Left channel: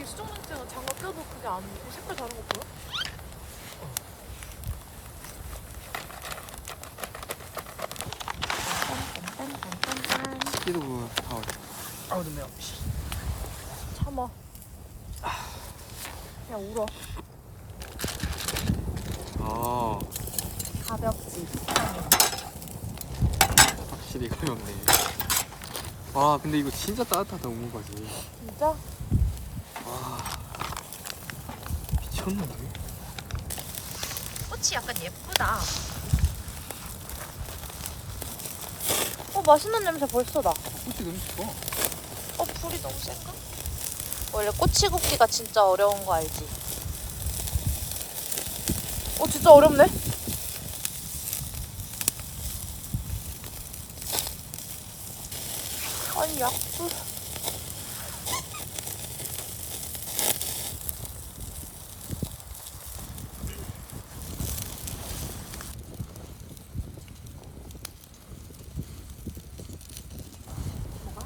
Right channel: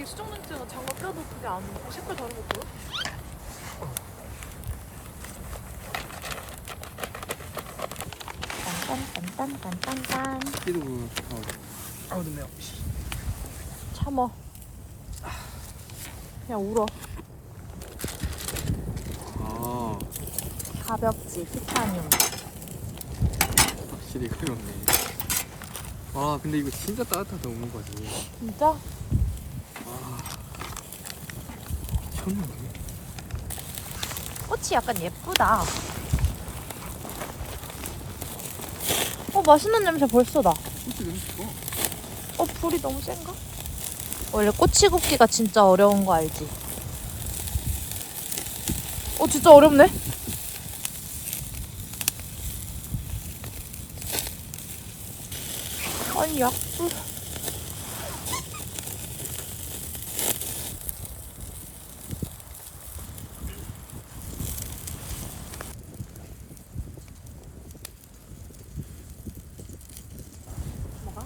이게 수정 렌즈가 장갑 껴도 그게 안 돼. 색깔 다른 거 보여? 딴딴딴딴딴. 이러고 다 아우 눈 매워. 참아. 그냥 울어. 아 가볍지, 티타늄. 확실히 가볍네. 아 근데 이거 진짜 따뜻하다 오는 거지. 진짜? 와 미쳤는데. 꽃이 약간 예쁘다. 맛있는 냄새 벌써 나. 진짜 너무 좋아. 불이 너무 센가? 원래 꼬치 굽기가 진짜 어려운 거 알지? 진짜 어렵네? 아니야. 뭐가?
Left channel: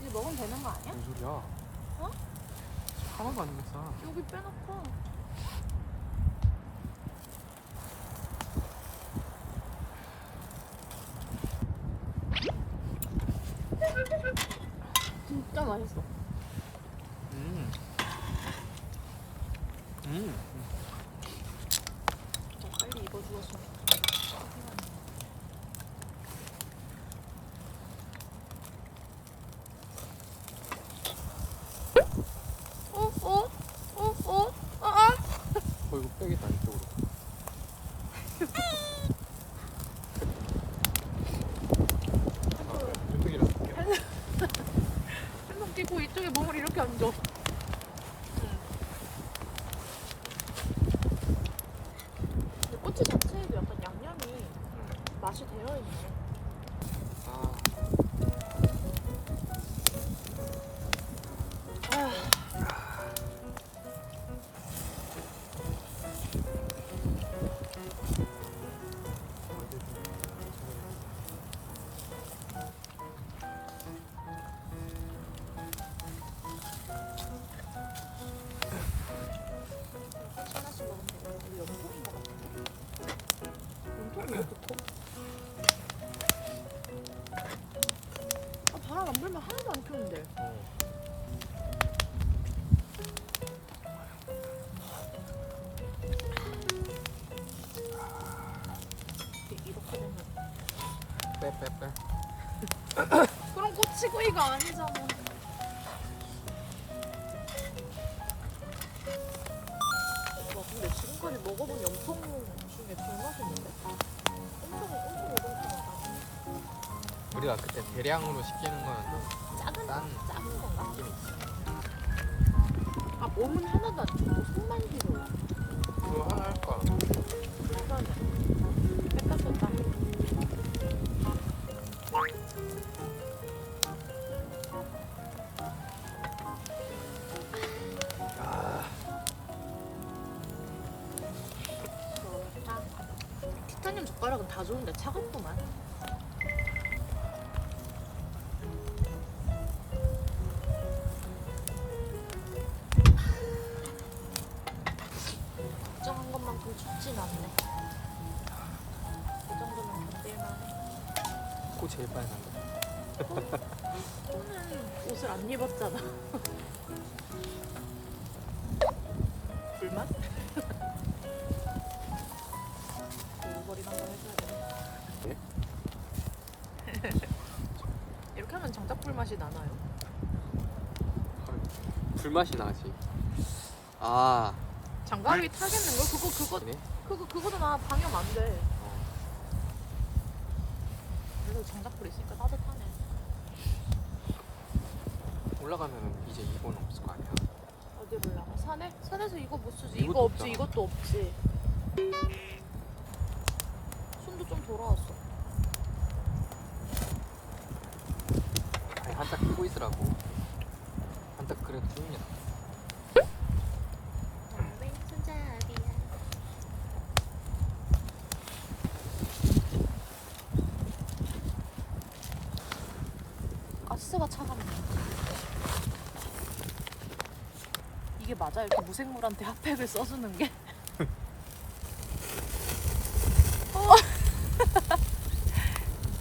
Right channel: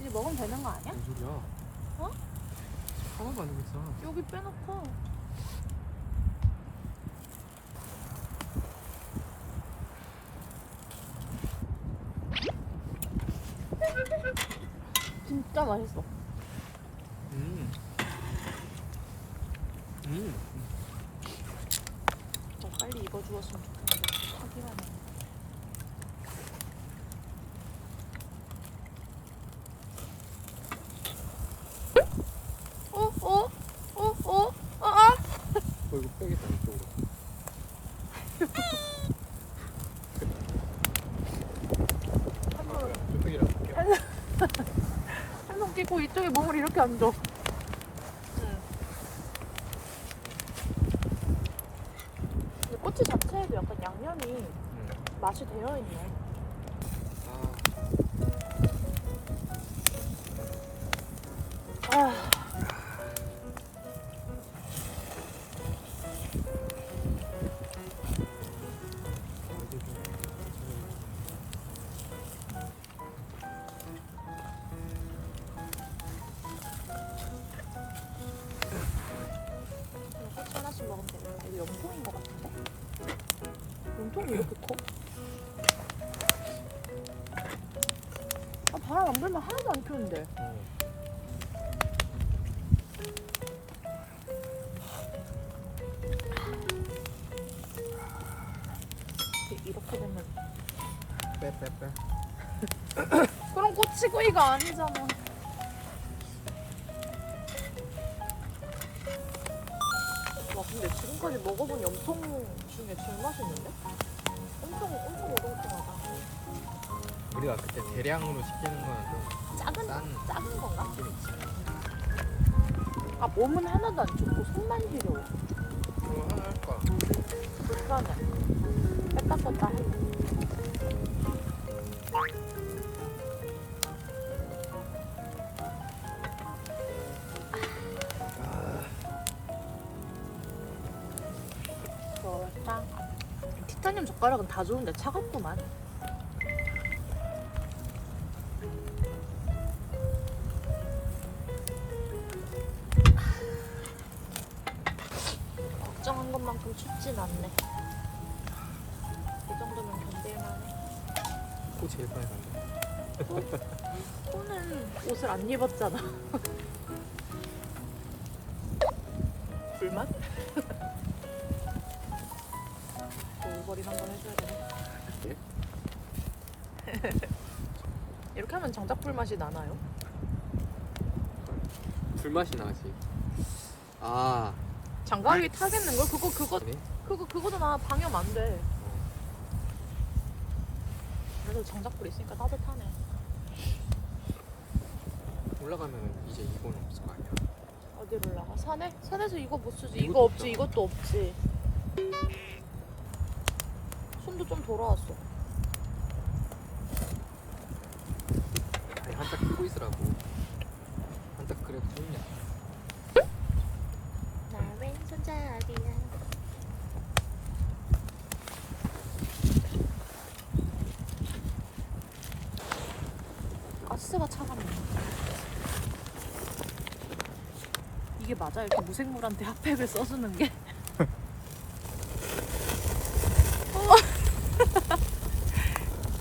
이제 먹으면 되는 거 아니야? 무슨 소리야? 어? 하나도 안 되겠어. 여기 빼놓고. 진짜 맛있어. 더 빨리 익어주었으면 좋겠는데 하기만 해. 이거 빼겠다 이쪽으로. 이쪽이라도 할게요. 핸드폰 끼고 이쪽에 몸을 이렇게 앉아. 근데 꼬치 자체에도 약간 양념이 맛이 되어 있네. 아. 꼬치 하나씩 먹으면 되겠다. 이거 염통인 것 같은데? 염통이 이렇게 커? 바람 안 불면 하나도 안 펴는데. 이렇게 되면 빼. 그럼 꼬치구이가 아니잖아. 와 근데 지금까지 먹어본 염통 중에 제일 맛있는데? 엄청 오동통하다. 우리가 그때 대량으로 시키는 거는 좀 작은 건가? 몸은 하나도 안 춥고 손만 시려워. 그거 하나 할까? 그러면 뺐다 썼다 해. 좋았다. 티타늄 젓가락은 다 좋은데 차갑구만. 걱정한 것만큼 춥진 않네. 이 정도면 견딜만해. 코 제일 빨간데. 코는 옷을 안 입었잖아. 불맛? 오버린 한번 해줘야 되네. 이렇게 하면 장작 불맛이 나나요? 불맛이 나지. 아 장갑이 타겠는걸? 네? 그거도 나 방염 안 돼. 그래도 장작불 있으니까 따뜻하네. 올라가면 이제 이건 없을 거 아니야. 어디로 올라가? 산에? 산에서 이거 못 쓰지. 이것도 이거 없지. 없잖아. 이것도 없지. 손도 좀 돌아왔어. 한딱 끼고 있으라고. 한딱 그래도 좋냐. 나 왼손잡이야. 가스가 차갑네. 이게 맞아? 이렇게 무생물한테 핫팩을 써주는 게?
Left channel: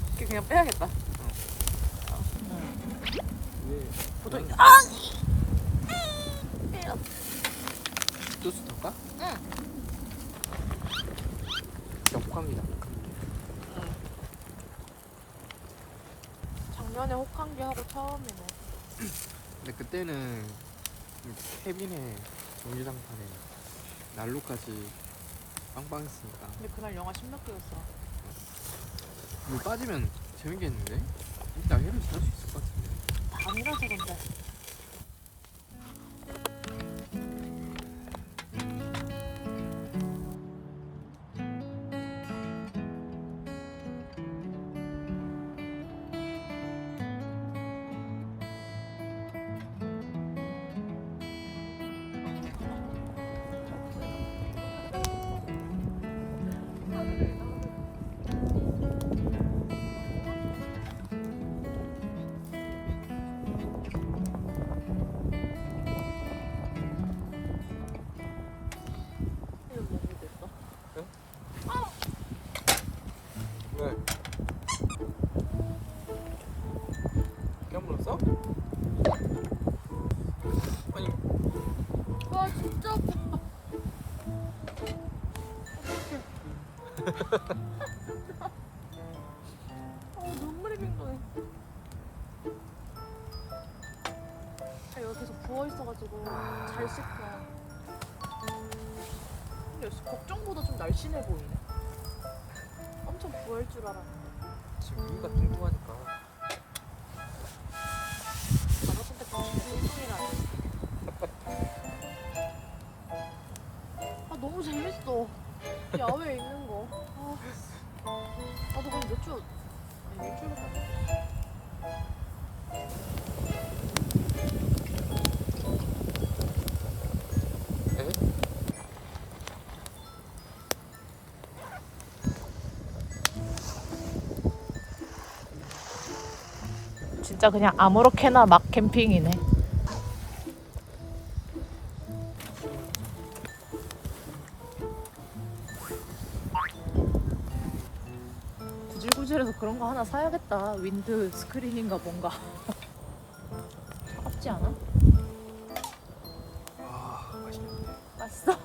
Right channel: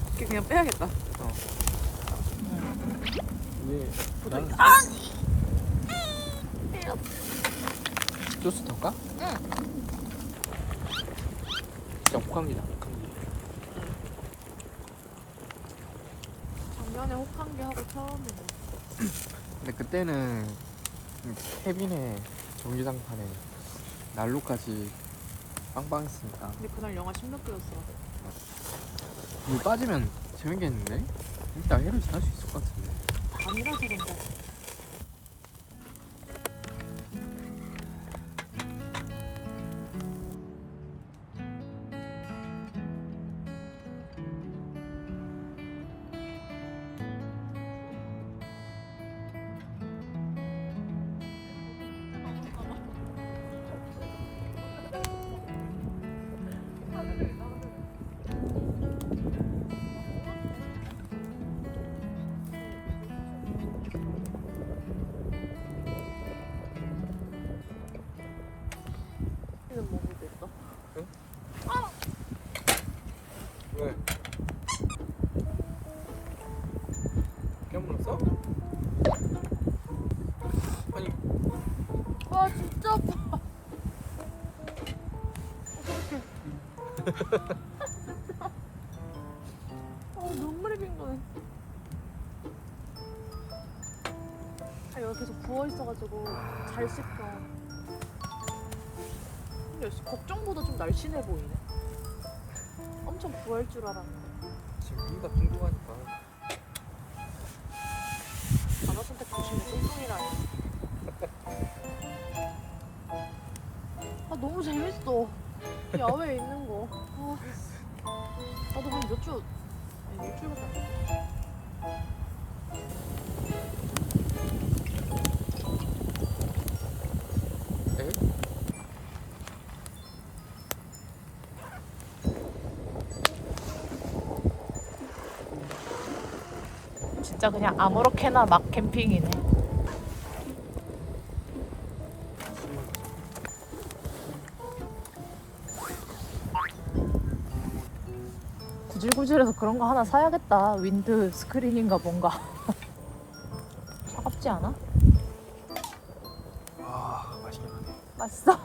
이렇게 그냥 빼야겠다. 이게 보통 나는 아! 소스 덜까? 응. 진짜 호감이다. 작년에 혹한기 하고 처음이네. 근데 그때는 케빈의 전기장판에 난로까지 빵빵했으니까. 근데 그날 영하 10몇 도였어. 물 빠지면 재밌겠는데? 일단 해를 잘할 수 있을 것 같은데. 밤이라서 근데. 이런 먹이도 있어. 왜? 깨물었어? 아니 와 진짜 아파. 눈물이 빙도네. 아, 여기 계속 부어 있어가지고 잘 씻겨. 근데 걱정보다 좀 날씬해 보이네. 엄청 부을 줄 알았는데. 지금 위가 뚱뚱하니까. 단어 선택 조심해. 뚱뚱이라니. 아 너무 재밌어. 야외에 있는 거. 아, 나도 한 몇 주, 아니 일주일밖에 안 됐어. 진짜 그냥 아무렇게나 막 캠핑이네. 구질구질해서 그런 거 하나 사야겠다. 윈드 스크린인가 뭔가. 차갑지 않아? 아 맛있겠네. 맛있어?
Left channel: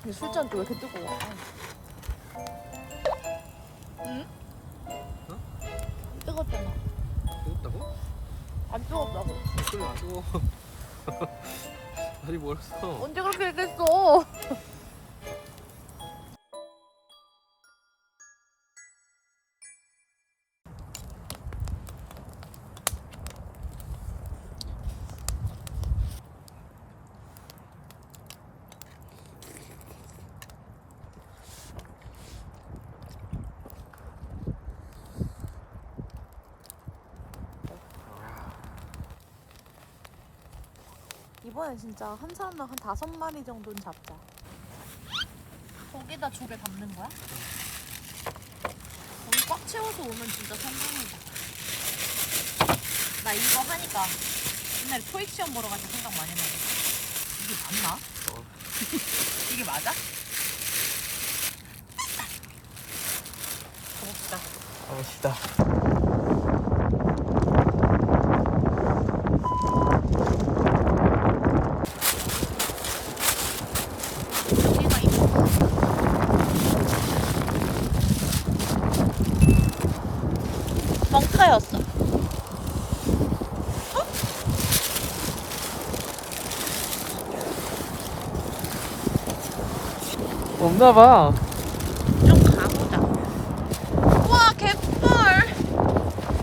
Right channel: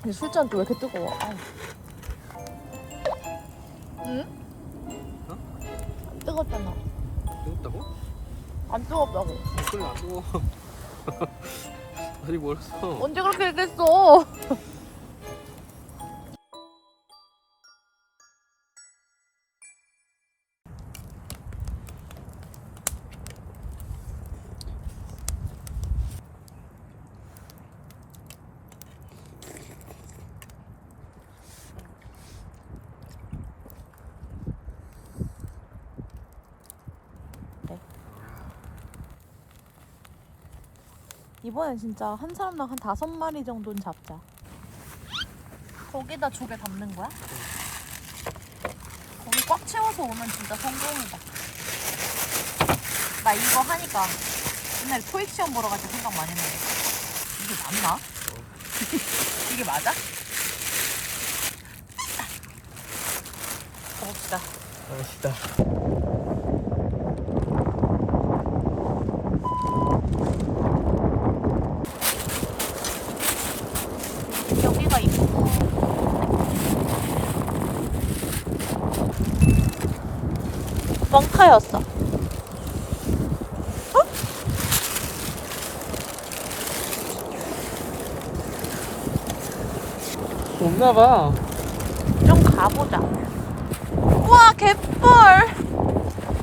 근데 술잔 또 왜 이렇게 뜨거워? 아. 응? 어? 뜨겁잖아. 뜨겁다고? 안 뜨겁다고. 그래 안 뜨거워. 아직 멀었어. 언제 그렇게 얘기했어? 이번엔 진짜 한 사람당 한 5마리 정도는 잡자. 거기다 조개 담는 거야? 거기 꽉 채워서 오면 진짜 성공이다. 나 이거 하니까 옛날에 토익 시험 보러 갈 때 생각 많이 나네. 이게 맞나? 이게 맞아? 가봅시다. 맛있다. 여기가 있어. 뻥카였어. 없나봐. 좀 가보자. 우와 갯벌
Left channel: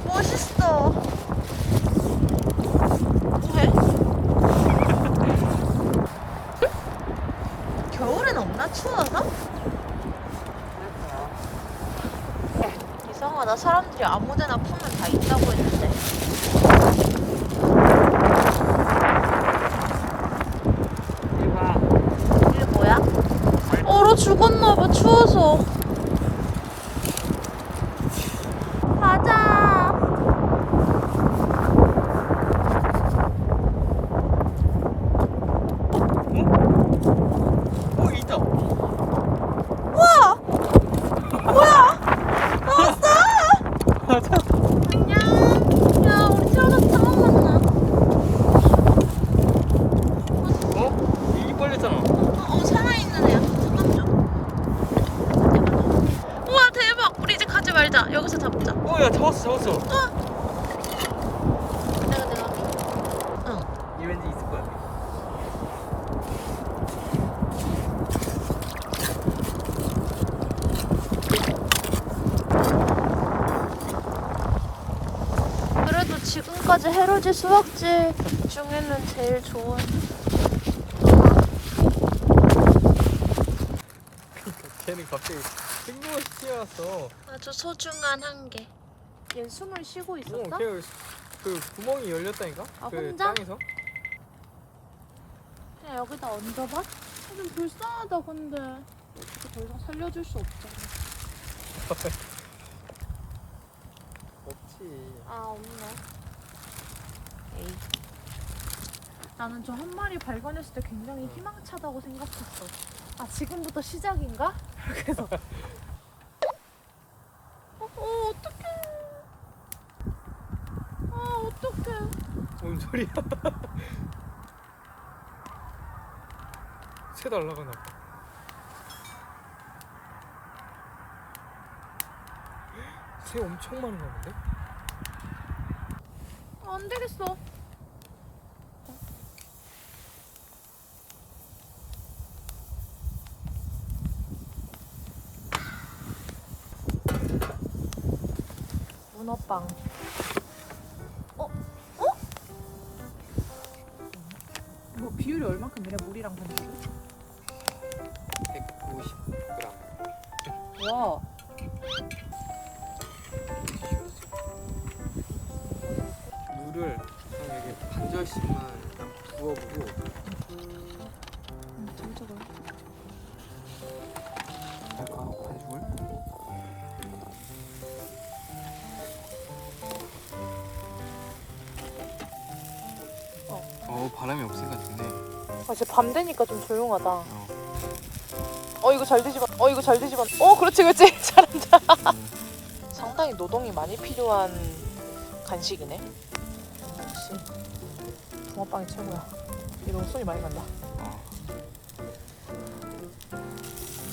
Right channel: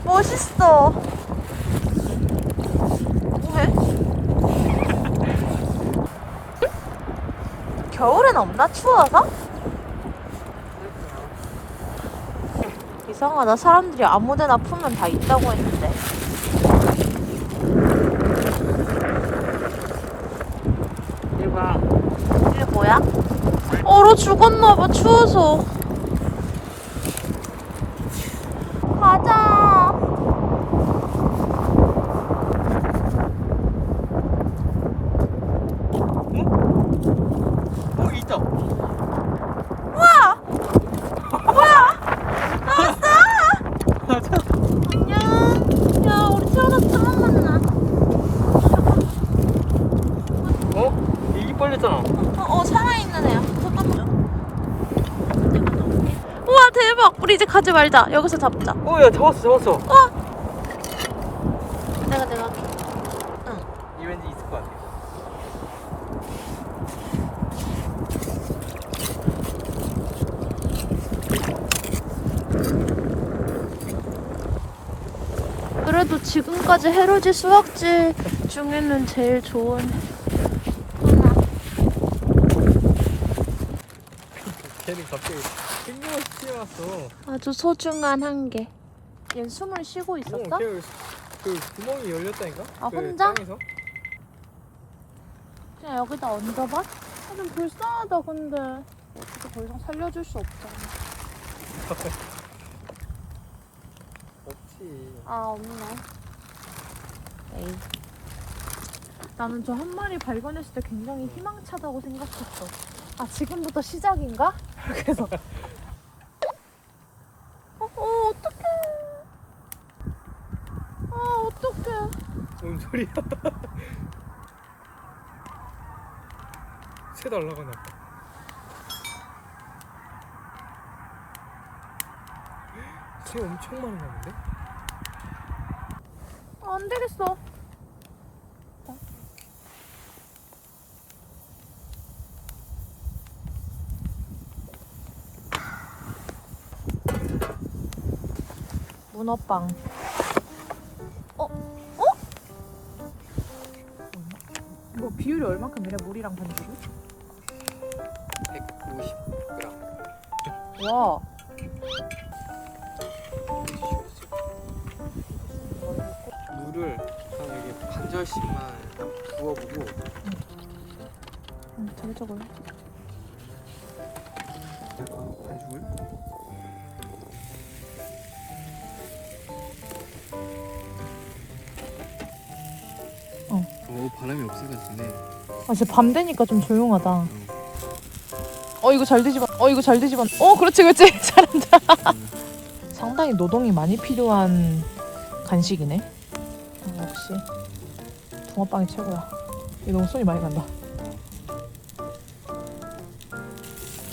멋있어. 뭐해? 겨울엔 없나? 추워서? 이상하다. 사람들이 아무데나 풀면 다 있다고 했는데. 대박. 이게 뭐야? 얼어 죽었나봐. 추워서. 가자. 말자. 여기서 잡자. 야 잡았어. 내가 내려줘. 응. 이 왠지 있을 것 같아. 그래도 지금까지 해루지 수확지 중에는 제일 좋은. 걔는 갑자기 뜬금없이 튀어났어. 아주 소중한 한 개. 얘 숨을 쉬고 있었어? 걔그 구멍이 열렸다니까? 아, 그 혼자? 땅에서? 그냥 여기다 얹어봐? 아, 좀 불쌍하다 근데 어떻게 더 이상 살려줄 수 없잖아. 없지. 아 없네. 에이. 나는 저 한 마리 발견했을 때 굉장히 희망차다고 생각했어. 아 지금부터 시작인가? 그래서 어떡해. 아 어떡해. 뭔 소리야? 새 날라가나 봐. 새 엄청 많은가 본데? 아, 안 되겠어. 문어빵. 뭐 비율이 얼마큼이래? 물이랑 반죽이? 150g. 와. 물을 한 여기 반절씩만 일단 부어보고. 잘 적어요. 반죽을? 바람이 없을 것 같은데. 아, 진짜 밤 되니까 좀 조용하다. 이거 잘 되지만. 이거 잘 되지만. 그렇지. 잘한다. 상당히 노동이 많이 필요한 간식이네. 역시 붕어빵이 최고야. 이거 너무 손이 많이 간다.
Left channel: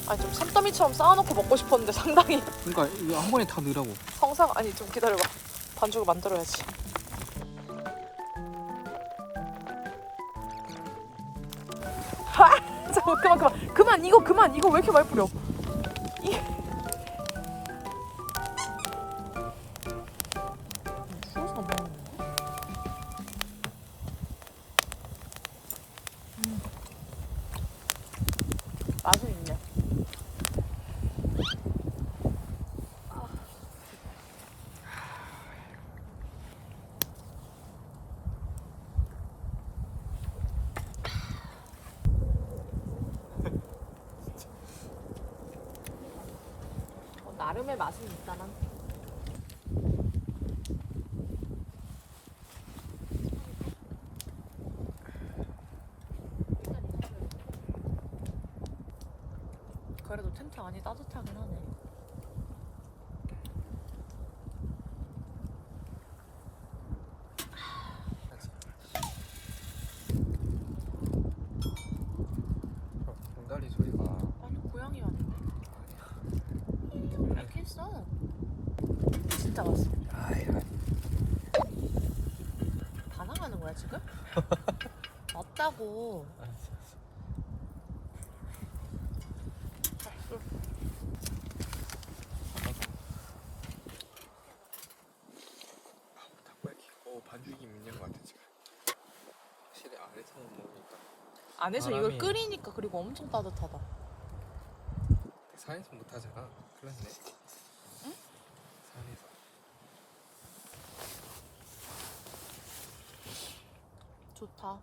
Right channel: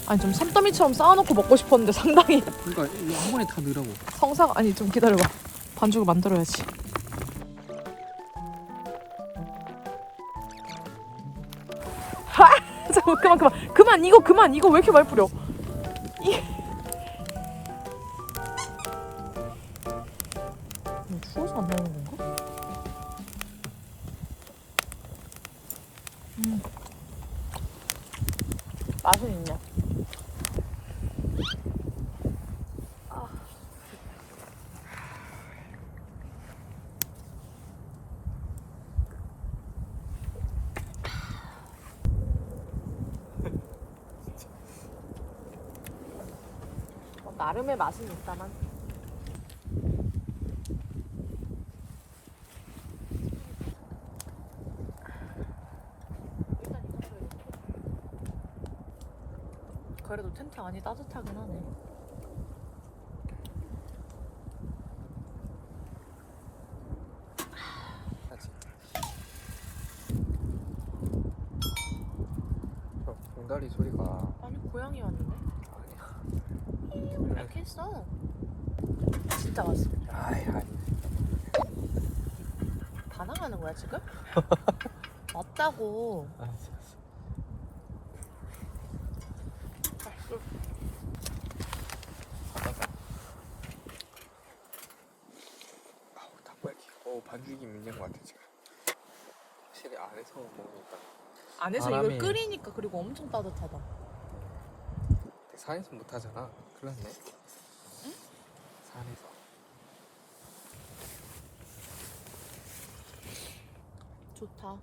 아니 좀 산더미처럼 쌓아놓고 먹고 싶었는데 상당히 그러니까 이거 한 번에 다 넣으라고. 성상. 아니 좀 기다려봐. 반죽을 만들어야지. 잠깐 그만 이거 왜 이렇게 많이 뿌려? 추워서 안 먹는 건가? 맛은 있네. 나름의 맛은 있다만. 그래도 텐트 안이 따뜻하긴 하네. 공다리 소리가. 아니 고양이 왔는데? 이렇게 했어. 진짜 왔어. 아니. 반항하는 거야 지금? 왔다고. 닭발기. 반죽이 있는 것 같아 지금. 확실히 안에서 먹으니까. 안에서 바람이- 이걸 끓이니까 그리고 엄청 따뜻하다. 산에서 못 하잖아. 큰일 났네. 응? 산에서. 좋다.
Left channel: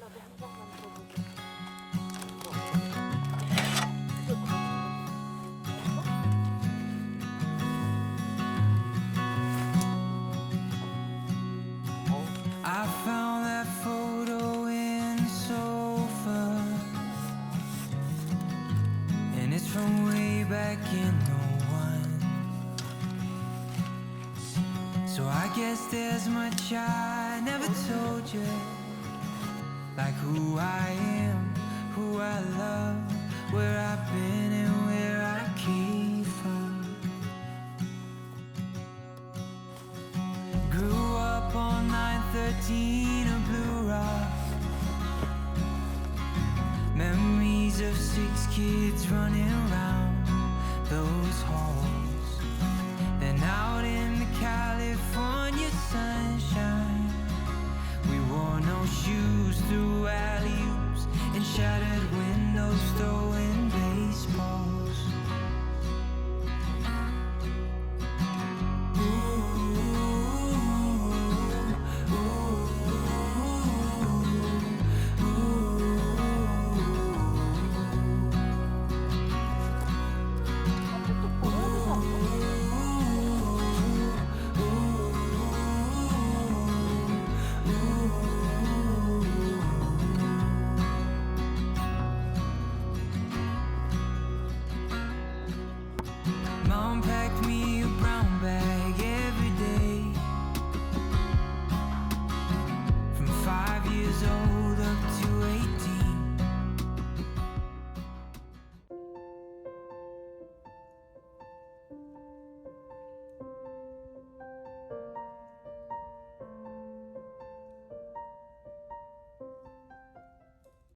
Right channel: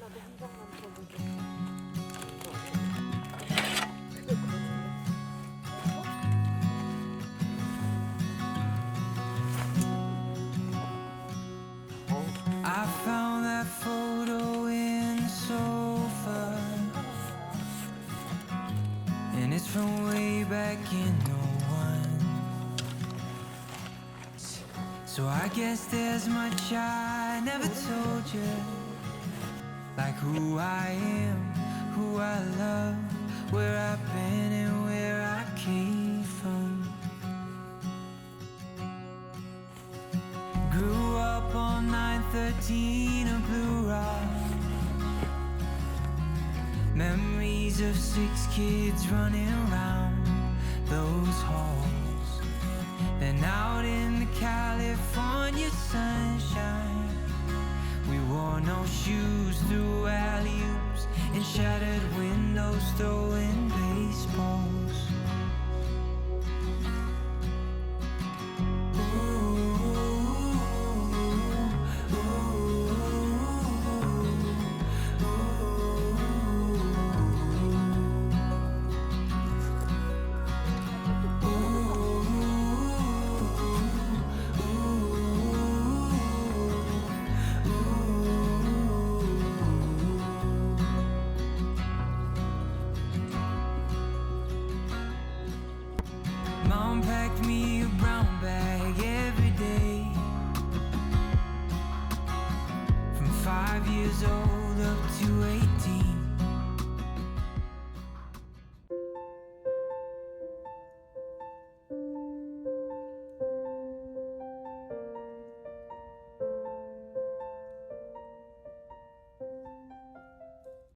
나도 한 장만 들어보게. I found that photo in the sofa, and it's from way back in '01. So I guess there's much I never told you, like who I am, who I love, where I've been and where I came from. Grew up on 913 of Blue Rock. Memories of 6 kids running around those halls. Then out in the California sunshine, we wore no shoes through alley-oops and shattered windows, throwing baseballs. Mom packed me a brown bag every day, from 5 years old up to 18.